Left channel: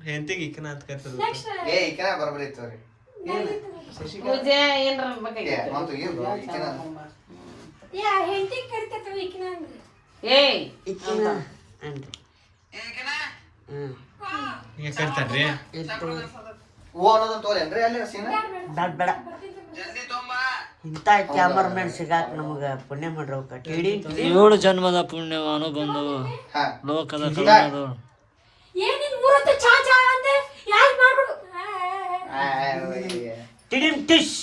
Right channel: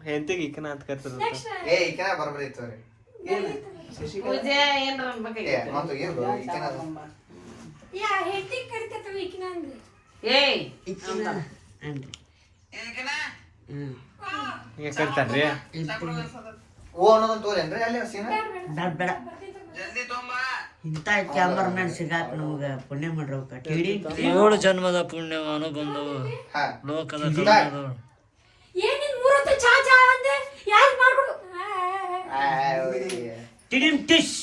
ಹೆಂಡತಿಗೆ ಈಕನ ಅಂತ ಕರ್ತದ ಏ ಈಕನ ಬರಬರಿ ಇತ್ತವ್ರಿ ಪೂಜೆ ಏನ್ರ ಏ ಮತ್ತು ಏನು ಈಕನ ಯಾ ಹೆಂಡತಿ ಕರಿತೈತೆ ಈಕಿನ ಅಂದ್ರೆ? ಏಯ್ ಇಕ್ಕಿನ ಅಂತ ಹ್ಮ್. ಈಗ ಕರಿತಾರ್ರಿ ಓ ಅನ್ನೋದನ್ನ ಅಂದ್ರೆ ಅಲ್ಲಿ ಸೀನ? ಬೇಡ ಬೇಡ ಇಂಥ ಕ್ಯಾಮರ್ಮನ್ ಸಿಗಾಕ ನಮಗ ಪುಣ್ಯ ಮಾಡ್ರವ್ಕ ಟಿಡಿ ಏಳು ಜನ್ಮದ ಪುಣ್ಯ ಬಂದವು. ಹಾ. ಲೋಕದ ಕಲ್ಯಾಣದು ಏನ್ ನಿನ್ ಮೂರೊತ್ತು ಚಾ ಚಾ ಅಂದೆ ಯಾರು ಮಾಡ್ಕೊಡು ಆ, ಅವ್ರಿಗೆ. ಟಿಡಿನ್ ಟಿಶ್ ಗ್ಯಾಪ್ ಕೊಟ್ರೆ ನಿಂತಿ ಬರಾಕತ್ತಾರ ಅಷ್ಟ್ ಹಿಡಿಯೋದಾಗ ಮಕ್ಳು ಟಿಶ್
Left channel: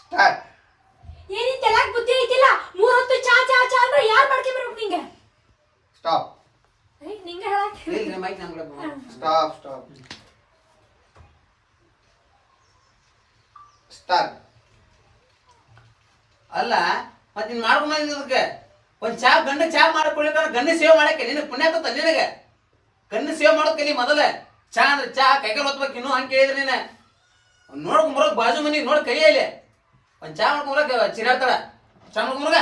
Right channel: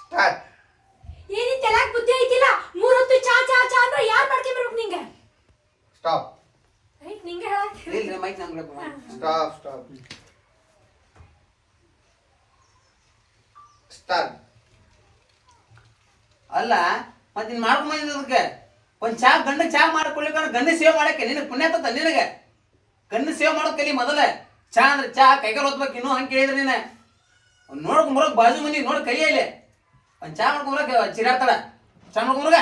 ಸ್ಟಾರ್ಟ್ ತೆಲಾಕ್ ಬುದ್ಧಿ ಐತಿಲ್ಲ? ಮೂರೊತ್ತು ಚಾ ಚಾ ಚಾ ಅಂದ್ರೆ ಯಾರು ನಿಂಗೆ? ಸ್ಟಾಪ್ ನಿಂಗೆ ಮೈಕ್ ಸ್ಟಾಪ್ ಸ್ಟಾಪ್ ಸ್ಟಾರ್ಟ್ ಅಲ್ಲ ಮತ್ತೆ ನೀನ್ ಮಾಡ್ಕೊಂಡ್ ಒಂದ್ ಚಾ ಗಂಡ ಚಾ ಮಾಡ್ಕೊಳ್ಳಿ ಗಂಡ ಸೇವ್ ಮಾಡಕ್ಕೆ ನಿನಗೆ ಪುಣ್ಯ ಆತತ್ತ ನಿನಗೆ? ಗಂಡ ಸೇವೆ ಮಾಡೋದ್ ಕಲಿ ಮೊದಲ. ಚಾ ಅಂದ್ರೆ ಚಾ ಕೈಗಾರ ಹೊತ್ಬೇಕು ಇನ್ನೂ ಹಂಗೆ ಕೇಳಿದ್ರೆ ನೀನೆ. ನೋಡ್ಕೊಂಡ್ ಬರೋಕ್ ಬಾಜು ಮನಿ ನೋಡಿ ಕೈಯಲ್ಲಿ ಒಂದ್ ಚಾ ಮಾಡ್ಕೊಂಡ್ ಬರಕ್ ಚಿರಾತಡ ಚಾ ಮಾಡ್ಕೊಂಡ್ ಬರಗ?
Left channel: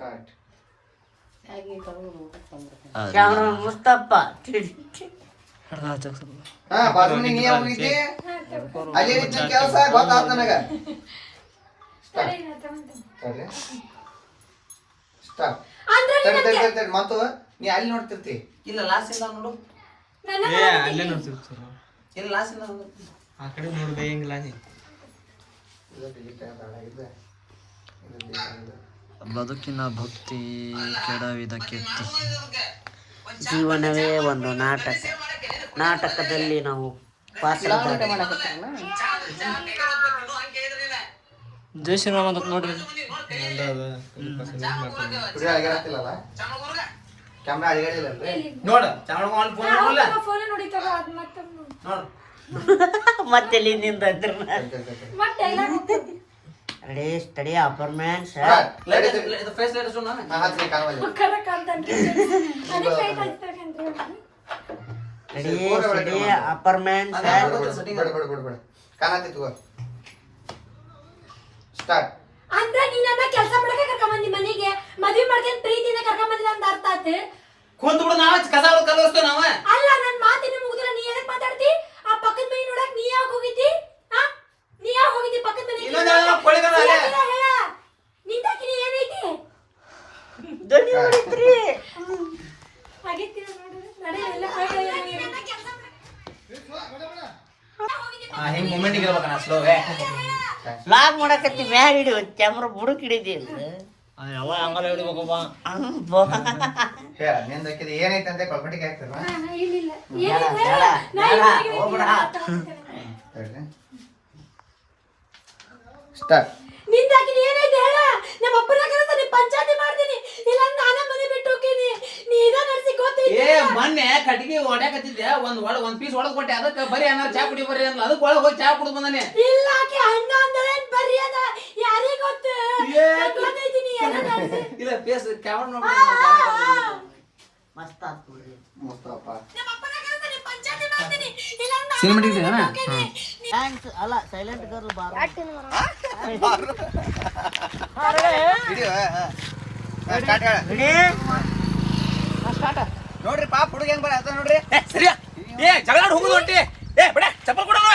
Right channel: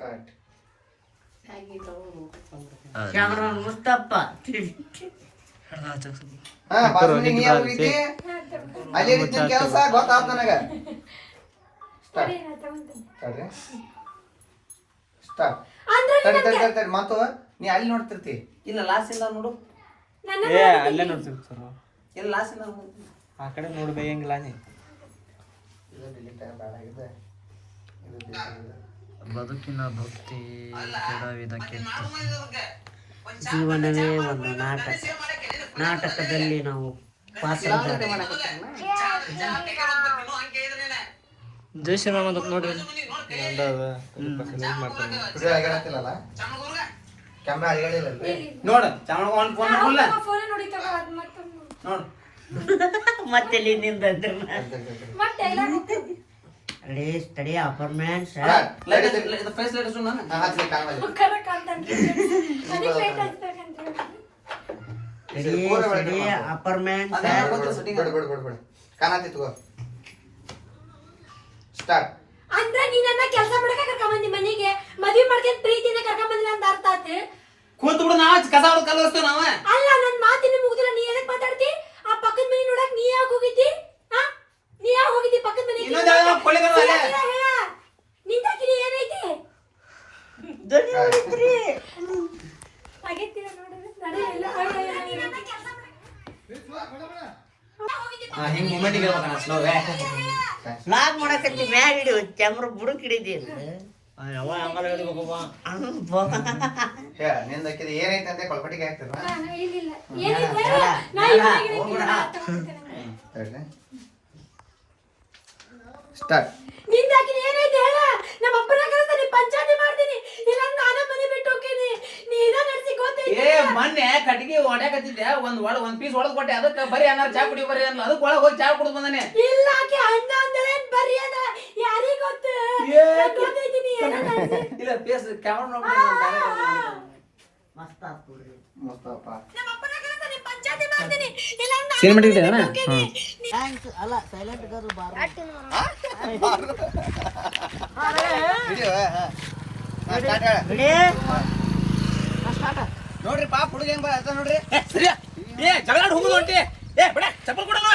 ಕರೆಕ್ಟ್ ಮುಸ್ತಪ್ಪ. ಹಾ ಬಾಜು ನೀ ಹೋಗಿದ್ದಿ? ಅಲ್ಲಿ ಕೆಲಸ ಗೊತ್ತಾತ ನನಗ. ಸ್ಟಾರ್ಟ್ ತಡಿ ತಡಿ ತಡಿ ತಡಿ ಮತ್ತು ನೀ ಅಲ್ಲಿ ನೋಡ್ತಿರ್ತಿ. ಇಲ್ಲ ಲಾಸ್ ಇಲ್ಲ ನೋಡು. ಏ ಅಲ್ಲೇ ನೋಡ್ತಿರ್ತಾರ ಇಲ್ಲ ಲಾಸ್ ಇಲ್ಲ ಆ ಕಡೆ ನೀ ಇದು ಇದು? ಬೇಕಾಗಿದೆ ಬದುಕಿನ ಭಕ್ತಿ ಕೆಡವಿದ ಕೆಟ್ಟಿ ಜೀವನವೇ ಒಂದು ನಾಟಕ. ನಾಟಕದಲ್ಲಿ ನಾವು ಪಾತ್ರಧಾರಿ ಜೈ ಶ್ರೀರಾಮ ಅಂತ ನೋಡ್ರಿ ನೋಡು ಚಾ ಮಾಡ್ಕೊಂಡ್ ಫೋನ್ ಮಾಡ್ಕೊಳ್ಳ ಫೋನ್ ನೋಡಿ ತಗೋ ಅದು ಮತ್ತೆ ನೋಡು. ಮತ್ತೆ ನಿಂದ ready study apartments ready study apartments ಕಾಣತ್ತಿ ತಗೋ. ಸ್ಟಾರ್ಟ್ ಅಂದ್ರೆ ನೀನಂತ ಕೆಲಸ ಮಾಡಕ ಕರ್ಕೊಂಡ್ ಬಂದಿ ಮನೆಗೆ. ಮದ್ವೆ ಮಾಡ್ಕೊಂಡ್ ಪ್ರೀತಿನ ಕರ್ಕೊಂಡ್ ಬಂದಿಲ್ಲ ಅಂತ ಅರ್ಥ ಆತು? ಕೂತ್ ಬಿಡು ನಾವ್ ಕಸ ಹೊಡ್ದ್ ಕಲ್ವಸ್ತೇವ್ ನಾವ. ಅಲ್ಲ ನನ್ ಮಾತಿನ ಮುಗಿದ್ರ ನೀ ಏನಕ್ ಮಾತಾಡ್ತಿ? ಆ ಪಕ್ಕದ ಮನೆ ನೋಡಕ್ ನೀ ಯಾವಾಗ ಹೋಗಿದ್ದಿ? ಹಾ ನೀ ಯಾವಾಗ ಹೋಗಿದ್ದಿ ಪಕ್ಕದ ಮನೆ ಇನ್ನೊಂದ್ ಯಾವ್ದೋ ಕೊಳ್ಳಿಗಾರ ಅಲ್ಲೇ. ನಿಂದಾಕಿ ನೀ ಏನೈತಿ? ಆಗೈತಿ ನೋಡು ನಡೆಯಲ್ಲ ಹಾ ಹೆಂಗ್ ಮೂಮೆಂಟ್ ಇರ್ಬೇಕಣ್ಣ ಸ್ಲೋವೇ ಲಾಗ್ ಮಾಡಕತ್ತಿ ಮ್ಯಾಗ ಹಿಡಿದು ಚಮ್ರ ಬುಡಕ್ ಹಿಡಿದಿ ಯಾವ ಹಂಗಲ್ಲ ಹಿಡಿಬೇಕಪ್ಪ? ಹೇಳ ನಿಂದ ಹಾಕಿದ ಏನೈತೆ ಅಂತ ಕೊಳ್ಪಟ್ಟಿಗೆ ಹಾಕ್ತಿರ. ಸ್ಟಾರ್ಟ್ ನಿಂದಾಕಿ ನೀ ಏನೈತಿ ಹೇಳ ನಮ್ಮ ಅಪ್ಪನ ಕರೆದ ನೀ ಪಂಚಾಯತಿ ಮಾಡ್ತೀನಿ ಇಲ್ಲ ನಾನ ಮನೆ ಬಿಟ್ಟು ಹೋಗ್ತೀನಿ ನೀ ಇದ ನಡ್ಸಿ ಗೊತ್ತೈತಿ ಏ ಮೊನ್ನೆ ಕಟ್ಟಿಗೆ ಹೊಡ್ಯಾಕತ್ತಿದ್ದೆ ಒಂದ್ ಒಳ ಒಂದ್ ಪೀಸ್ ಹೊಡೆದ್ ಕೊಟ್ಟೆ. ಅದಕ್ಕೆ ಬರೀ ಅನ್ನ ಚಾ ಕುಡಿ ಬರೀ ಅನ್ನ ಅದಕ್ಕೆ ಒಳಗೆ ಹೋಗಿ ಚಾ ಕುಡಿದ್ ಬಂದಾನೆ. ಇಲ್ಲ ಆಕೆ ಅಣ್ಣ ಅಂದಳೇನ್ ಬರ್ರಿ ಅದ? ಯಾರಿಗ್ ಗೊತ್ತು. ಇಲ್ಲ ಫೇಸ್ ಕ್ಯಾಮರಾ ನೋಡ್ಬಿಟ್ಟು ಮಸ್ತ್ ಆತ್ ನೋಡ್ರಿ. ಮುಸ್ತಪ್ಪ. ನಮ್ಮ ಅಪ್ಪನ ಕರೆದ ನೀ ಪಂಚಾಯತಿ ಮಾಡ್ತೀನಿ. ಇಲ್ಲ ನಾನ್ ಸಿನಿಮಾ ಇಟ್ಟಿದ್ದೇನ ಥ್ಯಾಂಕ್ಸ್ ಅಲ್ಲ ಸೈಲೆಂಟ್ ಗರ್ಲ್ ಬಾರ್. ವಿಡಿಯೋ ಸ್ಟಾರ್ಟ್ ಹೇಳ. ನೋಡ್ರಿ ಪಾಪ ಹುಡುಗ ಹೆಂಗ್ ಬರ ನೋಡ್ರಿ. ಏ ಸರಿಯ? ಏ ಜಗಳಾಡ್ ಹೋಗುದು ಹೊಂಟಿ ಏ ಬಡ ಚಪ್ಪಲ್ ಕೊಡೋಣ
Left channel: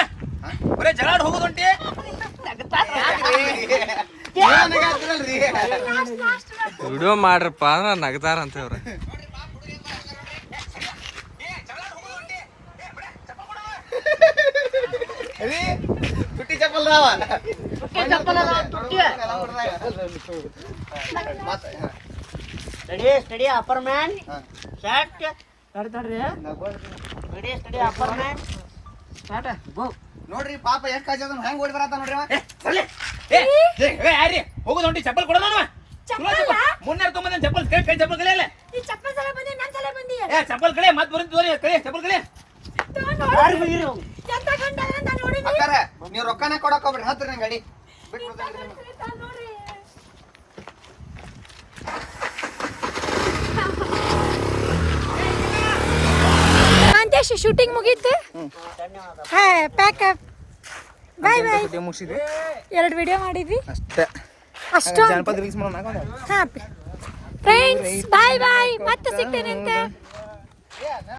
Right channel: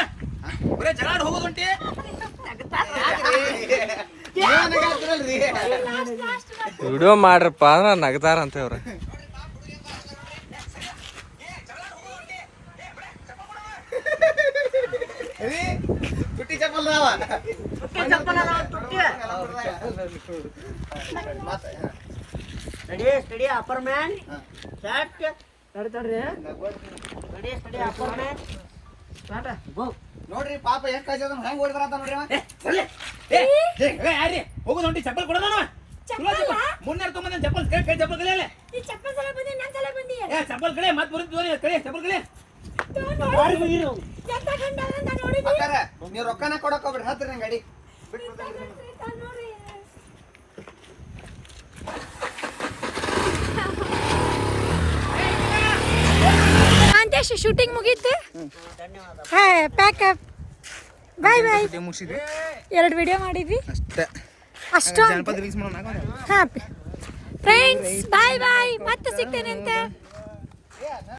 ಬರೇ ಜಗಳಾಡ್ ಹೋಗುದು ಹೊಂಟಿ ವಿಡಿಯೋ ಮಾಡ್ರಪ್ಪ ಅಂದ್ರೆ ನಗತಾರ ಅಂತ ಅವ್ರ ತುಟ್ಟಿ ಚಪ್ಪಲ್ ದಾವ ready steady apartment start ready steady steady upper man start go ನೋಡ್ರಿ ಪಾಪ ಎಷ್ಟು ಕಾಯ್ತದ ಅದನ್ನ ಹೆಂಗ್ ಓಡಿ ಬರತ್ತ ನೋಡ್ರಿ ಅವ. ಏ ಸರಿ ಏ ಏ, ಏ ಯಾರಿ ಹೋಗುದು ಹೊಂಟಿ ಚಪ್ಪಲ್ ಕೊಡೋಣ ಚಪ್ಪಲ್ಲ? ಮುನ್ನಾರ ತೊಗೊಂಬಂದ ಚಪ್ಪಲ್? ಕೈ ಕೈ ಚಪ್ಪಲ್ ಕಲೆ ಈ ಚಪ್ಪಲ್ ಸಲ ಬಂದಿ ನನ್ ಸಲ ಬಂದಿ? ಏ ಚಪ್ಪಲ್ ಕಡೆ ಮತ್ ತೋರಿ ಕಳಿ ಚಪ್ಪಲ್ ಕಳಿ ಯಾರು ಬೈರು ಎಂತ ಗಂಡ ಅಂತ ನೋಡಿದಿ? ಅಕ್ಕಾರ ನೀವ್ ರೊಕ್ಕನ ಕೊಡಕ್ ಹೋಗ್ಬಿಡ್ರಿ. ಹತ್ರಿ ನಂಗೆ ಬಿಟ್ಬಿಡ್ತೀನಿ. ನೋಡ್ರಿ. ಕಾಂತೇಶ್ ಶೂಟಿಂಗ್ ಮುಗೀತು? Hi pack up bye bye ಎರಡು ವಿಡಿಯೋ ಮಾಡಿದ್ವಿ. ಅಷ್ಟೇ. ಅಷ್ಟೊಂದು. ಹಾ ಫ್ರೆಂಡ್ಸ್ ಬಾಯ್ ಬಾಯ್ ಮತ್ತೆ